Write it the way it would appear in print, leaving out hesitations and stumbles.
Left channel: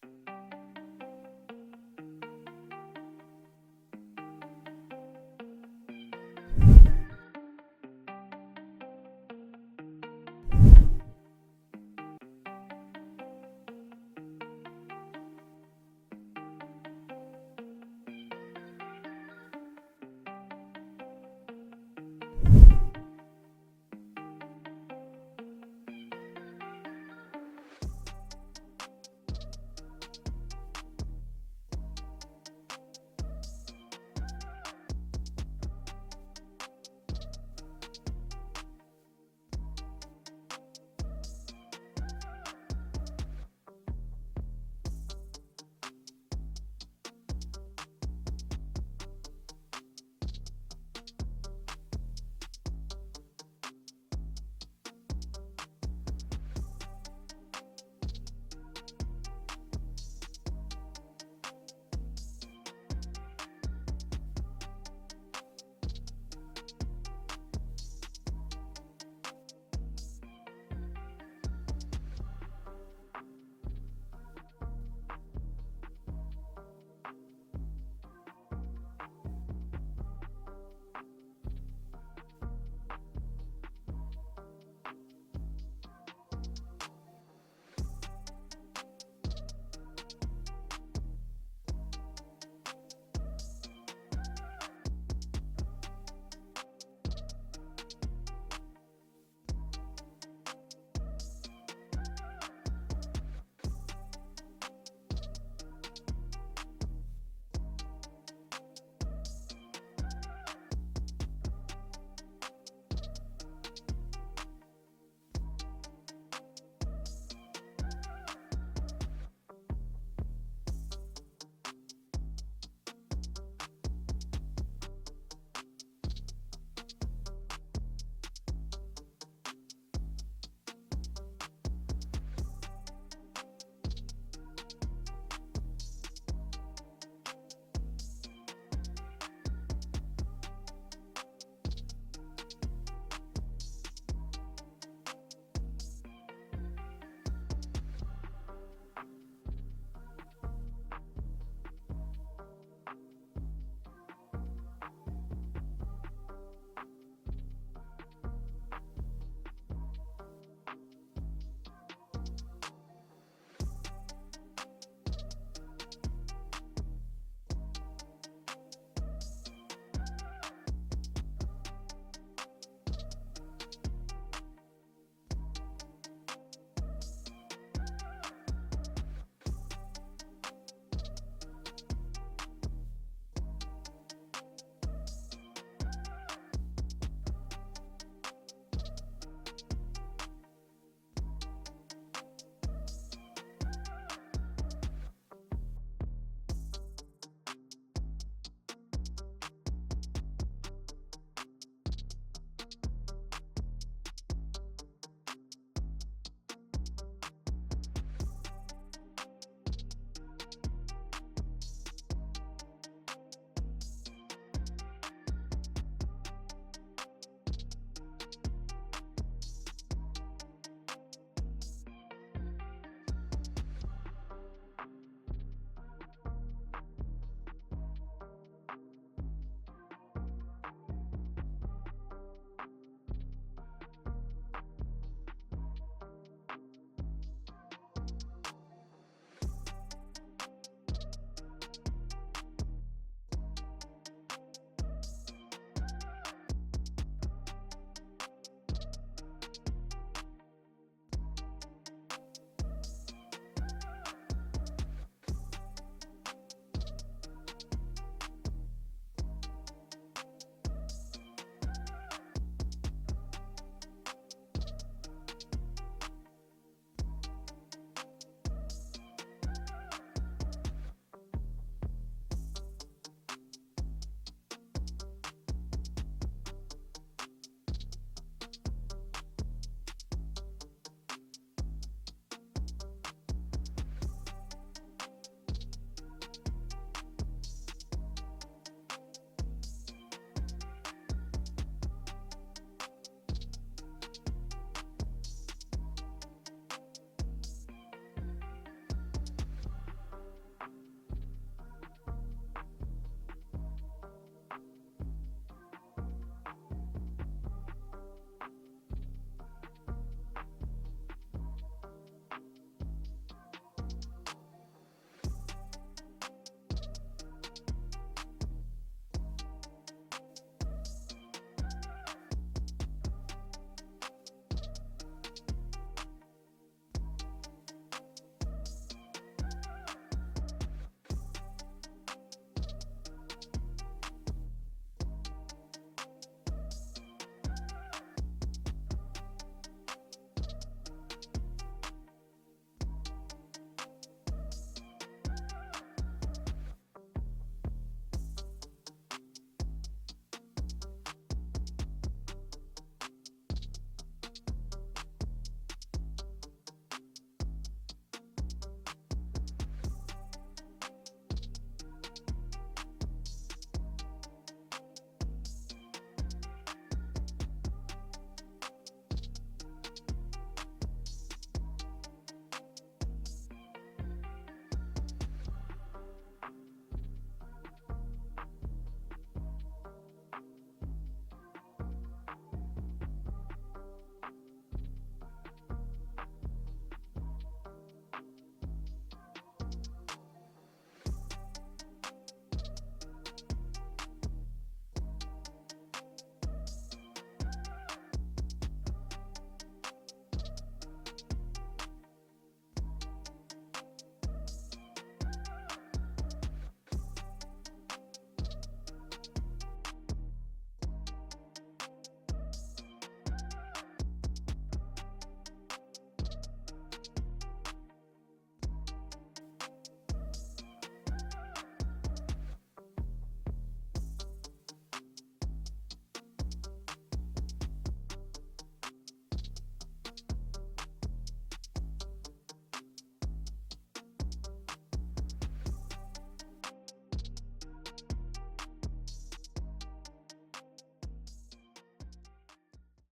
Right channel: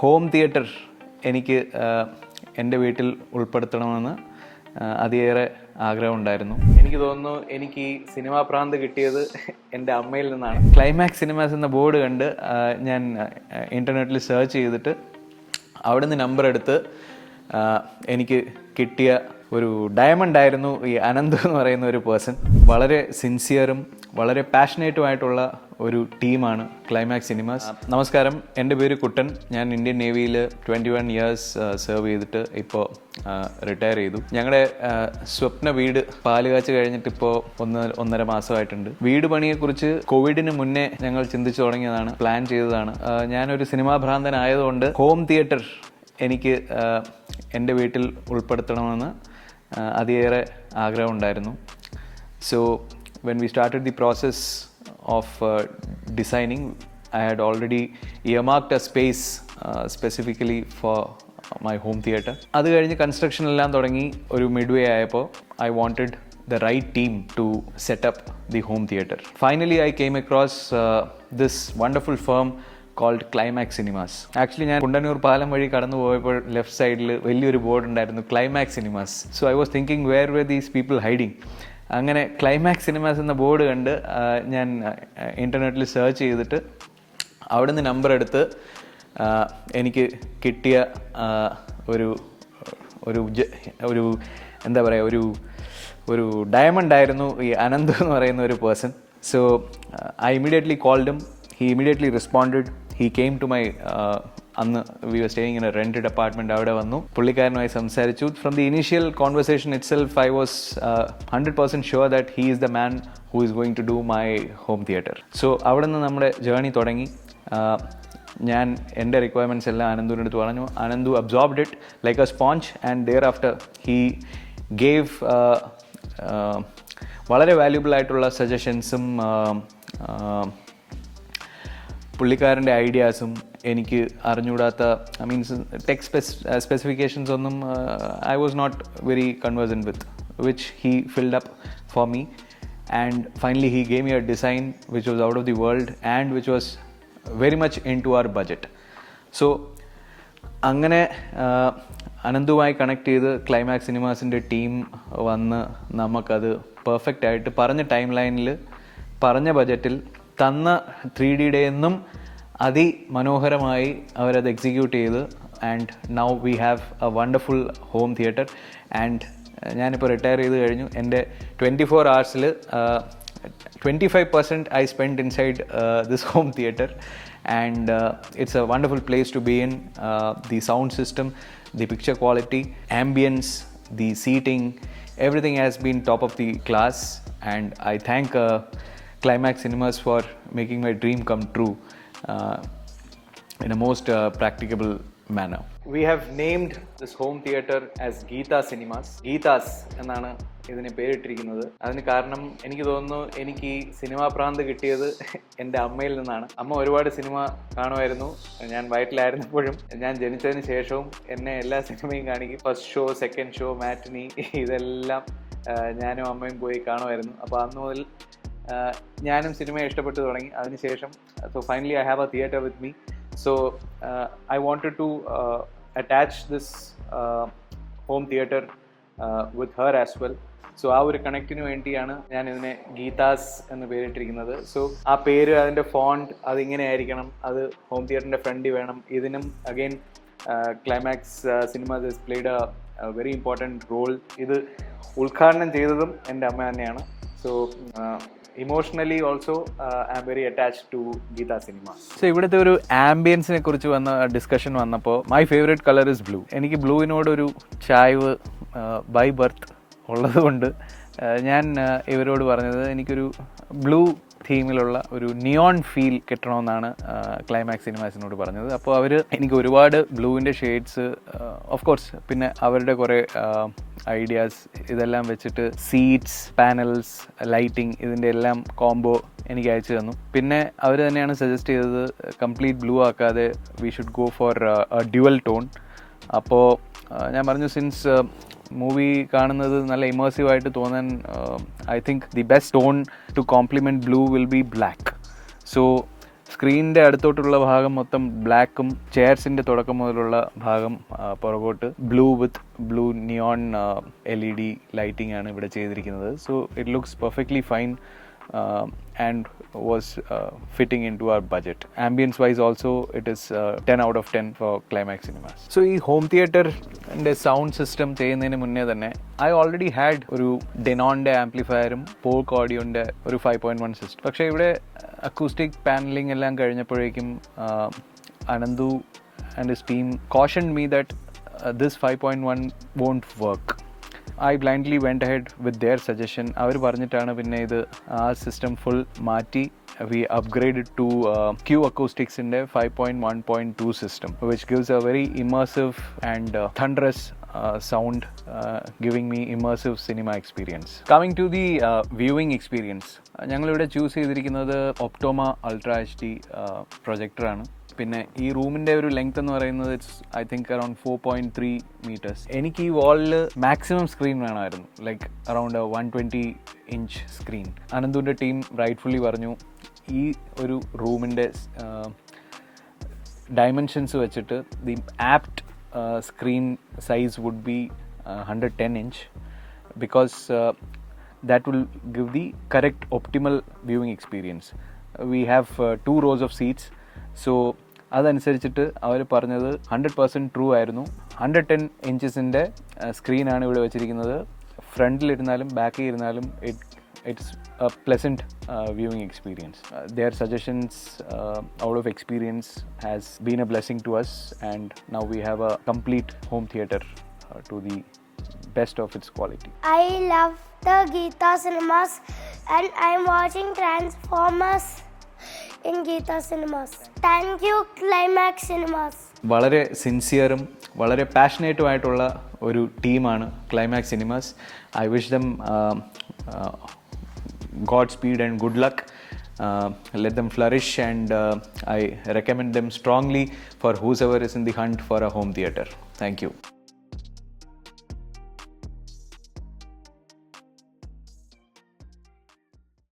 Home theatre എനിക്ക് എൻ്റെ വീട്ടിൽ ഉൾപ്പെടുത്തണമെന്ന് അതിയേറെ ആഗ്രഹമുണ്ടായിരുന്നു. എനിക്ക് തോന്നുന്നു എനിക്ക് ഈ സിനിമാ പ്രാന്ത് കിട്ടിയത് എൻ്റെ അമ്മയിൽ നിന്നാണ്. ക്ലൈമാക്സ് സിനിമാസ് എന്ന ബോർഡ് കണ്ട് ഞാൻ ഇൻ്റർനെറ്റിൽ സെർച്ച് ചെയ്തിട്ട് അവിടെ നിന്ന് നമ്പർ എടുത്ത് എനിക്ക് കിട്ടിയ ഒരു ഡയമണ്ട് ആയിരുന്നു ഈ അനന്ത് എന്ന് പറയുന്ന ഒരു പേഴ്സൺ. വളരെ സിൻസിയറും വളരെ പാഷനേറ്റുമായിട്ടുള്ള ഒരു ടീമാണ് ക്ലൈമാക്സ് സിനിമാസ്. നമസ്കാരം, എൻ്റെ പേര് കുട്ടൻ. ഞാൻ ഇന്ത്യൻ നേവിയിൽ 21 ഇയേഴ്സ് സെർവ് ചെയ്തിട്ട് ഇപ്പോൾ റിട്ടയർ ചെയ്തു. ഞങ്ങളുടെ സ്വപ്ന വീട് പാലുകാച്ച് കഴിഞ്ഞിട്ട് ഇപ്പോൾ 1.5 മാസമായിട്ടുണ്ട്. വീട് പണിയെക്കുറിച്ച് കോവിഡിന് മുന്നേ ഞങ്ങൾ ചിന്തിച്ചു തുടങ്ങിയതാണ്, പ്ലാൻ ചെയ്തതാണ്. ഞാനൊരു സിനിമാ ഭ്രാന്തനായതുകൊണ്ട് ഹോം തിയേറ്റർ എനിക്ക് എൻ്റെ വീട്ടിൽ ഉൾപ്പെടുത്തണമെന്ന് അതിയേറെ ആഗ്രഹമുണ്ടായിരുന്നു. So when we started the process of designing, I had already earmarked a space specifically for my home theater. അത് കഴിഞ്ഞ് കൺസ്ട്രക്ഷൻ എല്ലാം തുടങ്ങി ഒരു മിഡ്വേ ആയപ്പോൾ I wanted the right team to set up the home theater. Finally I came across this wonderful firm called Climax Cinemas. Actually ഞാൻ കുണ്ടന്നൂർ പാലം വഴി കടന്നു പോയപ്പോൾ ലെഫ്റ്റ് സൈഡിൽ വലിയൊരു ബോർഡ് ഉണ്ടായിരുന്നു, Climax Cinemas. So I was thinking, where were these people hiding? അങ്ങനെ climax cinemas എന്ന ബോർഡ് കണ്ട് ഞാൻ ഇൻ്റർനെറ്റിൽ സെർച്ച് ചെയ്തിട്ട് അവിടെ നിന്ന് നമ്പർ എടുത്ത് എനിക്ക് കിട്ടിയ ഒരു ഒരു ഒരു എന്താ പറയുക ഒരു ഡയമണ്ട് ആയിരുന്നു ഈ അനന്ത് എന്ന് പറയുന്ന ഒരു person. So I immediately called him. He immediately responded. He came to my അന്ന് we were staying in a rented apartment. അവിടെ വന്നു, പുള്ളിക്കാരനുമായി സംസാരിച്ചു. From the initial conversation itself, I was 100% sure that he is the man who is going to do my home theater. So അവിടെ നിന്ന് നമ്മുടെ journey തുടങ്ങി. ഞാൻ എൻ്റെ റിക്വയർമെൻറ്റ്സ് എല്ലാം അനന്തുവിൻ്റെ അടുത്ത് പറഞ്ഞു. Ananthu absorbed it like a sponge and thereafter he gave വളരെ വാല്യുബിൾ ആയിട്ടുള്ള സജഷൻസും പുള്ളിക്കാരൻ്റെ ഐഡിയാസും എനിക്ക് അറിഞ്ഞുകൂടാത്ത മീൻസ് ടെക് സ്പെസിഫിക്കേഷൻസ് ഒന്നും I was not very conversant with, which he filled up for me. And finally he gave me a design which was out of the world and which was very much into our budget. So അങ്ങനെ അനന്തുമായി connect ചെയ്ത് climax സിനിമാസിൻ്റെ team വന്ന് നമുക്കത് perfect ആയിട്ട് പറഞ്ഞ time ലൈനിൽ പറഞ്ഞ ബജറ്റിൽ തന്ന 3Dയുടെ എന്നും അതിമനോഹരമായി അവരത് എക്സിക്യൂട്ട് ചെയ്ത്. And now we have A wonderful home theatre. And ഞാനിപ്പോൾ റിട്ടയർ ചെയ്ത് കഴിഞ്ഞു. എൻ്റെ 24 hours 25% I spent inside this home theater, and it's a wonderful place to be in. The sound system, the picture quality, ambience, the seating, everything has been top of the class, and I thank Climax Cinemas for making my dream come true in a most practicable manner. We have named this home theater as Geetha Cinemas. Geethas എന്നാണ് ഇതിന് പേരിട്ടിരിക്കുന്നത്. അതിന് കാരണം എനിക്ക് തോന്നുന്നു എനിക്ക് ഈ cinema പ്രാന്ത് കിട്ടിയത് എൻ്റെ അമ്മയിൽ നിന്നാണ്. അമ്മ ഒരുപാട് സിനിമ കാണുമായിരുന്നു. ഞാൻ വയറ്റിലായിരുന്നപ്പോഴും ഞാൻ ജനിച്ചതിന് ശേഷവും എന്നെ എല്ലാ സിനിമയും കാണിക്കും. ഫസ്റ്റ് ഷോ, സെക്കൻഡ് ഷോ, മാറ്റിനി, ഇതെല്ലാം ഞാനും അമ്മയും പോയി കാണുമായിരുന്നു. അപ്പോൾ അന്ന് മുതൽ ഞാനും സിനിമയെ ഇഷ്ടപ്പെട്ടു തുടങ്ങി. അതിനുശേഷം so finally I have a theatre with me. So I wanted to attach this home theatre with her as well. So ആ ഒരു കണക്റ്റിന് വേണ്ടിയാണ് ഞാൻ ഇതിനെ ഗീതാസ് എന്ന് പേരിട്ടിരിക്കുന്നത്. സോ ആ പേര്, അതിൻ്റെ ഫോണ്ട് അതിങ്ങനെ ആയിരിക്കണം, അത് ഹോം തിയേറ്ററിൻ്റെ ഫ്രണ്ടിൽ വേണം. ഇതിനും again climax cinemas has played a very important role. ഇത് ഉദ്ഘാടനം ചെയ്തതും എൻ്റെ അമ്മ തന്നെയാണ്. So emotionally also I am very attached to Geetha cinema. So ഇവിടുത്തെ ഒരു ആംബിയൻസിനെ കുറിച്ച് വന്ന ഡിസ്കഷൻ വന്നപ്പോൾ my favourite colour is blue. എനിക്ക് ബ്ലൂവിനോടൊരു ചായ്വ് ബൈ ബർത്ത് ഉള്ളതുകൊണ്ട് ഞാൻ ഇവരോട് പറഞ്ഞത് എനിക്കൊരു ബ്ലൂ തീമിലുള്ള ഒരു നിയോൺ ഫീൽ കിട്ടണമെന്നാണ് ക്ലൈമാക്സ് സിനിമാസിനോട് പറഞ്ഞത്. അപ്പോൾ അവർ എനിക്ക് ഒരുപാട് ബ്ലൂവിൻ്റെ ഷെയ്ഡ്സ്, ഓഫ് കോഴ്സ് പിന്നെ അവരുടെ കുറേ ഐഡിയാസ് ഇതെല്ലാം വെച്ചിട്ട് സീറ്റ്സ്, പാനൽസ്, ലൈറ്റിംഗ് ഇതിൻ്റെ എല്ലാം കോംബോ എനിക്ക് അയച്ചു തന്നു. പിന്നെ അവർ തന്നെയാണ് സജസ്റ്റ് ചെയ്തത് കംപ്ലീറ്റ് ബ്ലൂ ആക്കാതെ we should go for dual tone. അപ്പോൾ ഞാൻ പറഞ്ഞു, സിൻസ് മൂവി കാണുന്നത് നല്ല ഇമേഴ്സീവായിട്ട് തോന്നാൻ I think the best tone to complement blue will be black. So സ്ക്രീനിൻ്റെ അടുത്തോട്ടുള്ള ഭാഗം മൊത്തം ബ്ലാക്കും ചെയർസിൻ്റെ തുടക്കം മുതലുള്ള ഭാഗം പുറകോട്ട് ബ്ലൂ നിയോൺ LED ലൈറ്റിംഗ് ആണ് ഇവിടെ ചെയ്തിരിക്കുന്നത്. So it looks perfectly fine and was fitting into our budget. Ambience wise also it is 10 out of 10 for Climax Cinemas. So ഈ ഹോം തിയേറ്ററിൻ്റെ സൗണ്ട് സിസ്റ്റം ചെയ്യുന്നതിന് മുന്നേ തന്നെ I already had ഒരു ഡെനോണിൻ്റെ ആംപ്ലിഫയറും പോക്ക് ഓഡിയോൻ്റെ ഒരു 5.1 സിസ്റ്റം. പക്ഷേ ഇവിടെ അക്കൂസ്റ്റിക് പാനലിംഗ് എല്ലാം കഴിഞ്ഞപ്പോഴേക്കും Ananthu and his team cautioned me that this 5.1 won't work. I blindly went ahead with their suggestion. അവർ പറഞ്ഞിട്ടാണ് പിന്നെ ഇത് ആ സിസ്റ്റം ഫുൾ മാറ്റി we upgraded to Q Acoustics in 5.1.2 system, which gives a very immersive and thunderous sound, giving me immersive cinema experience. Coming to the viewing experience, ഞങ്ങളിവിടെ choose ചെയ്തിരിക്കുന്നത് ഒപ്റ്റോമ ultra HD പ്രൊജക്ടറാണ്. പിന്നെ ഈ റൂമിൻ്റെ ഒരു ലെങ്ത് എന്ന് പറയുന്നത് it's I think around 4.3 meters. എനിക്ക് ഈ വാളിൽ മാക്സിമം സ്ക്രീൻ വേണമായിരുന്നു, ലൈക്ക് അറൗണ്ട് 120 inch സ്ക്രീൻ. അനന്തുവിൻ്റെ ടീം റൈറ്റ്ഫുള്ളി പറഞ്ഞു ഈ ഒരു റൂമിൻ്റെ ഡയമെൻഷൻസ് വെച്ചിട്ട് the apt screen size would be 110 inch because that will give the correct optimal viewing experience. We have 2 rows of seats, so അതനുസരിച്ചിട്ട് അവർ പറഞ്ഞത് 100% true ആയിരുന്നു. 110 ഇഞ്ചസിൻ്റെ സ്ക്രീനാണ് ഇവിടെ വെച്ചിരിക്കുന്നത്. ഫ്രണ്ടിലിരുന്നാലും ബാക്കിൽ ഇരുന്നാലും it's a pleasant viewing experience. Their suggestions out of experience has been a blessing to us, and now we have a complete home theater to the best of its quality. I love the Geeta Cinemas and I'm watching Transformers in Geeta Cinemas. Thank you Climax Cinemas. വളരെ സിൻസിയറും വളരെ പാഷനേറ്റുമായിട്ടുള്ള ഒരു ടീമാണ് climax cinemas. I wish dum Godspeed and good luck. Let them flourish, and I recommend them strongly for whosoever is in the hunt for a home theater. Thank you.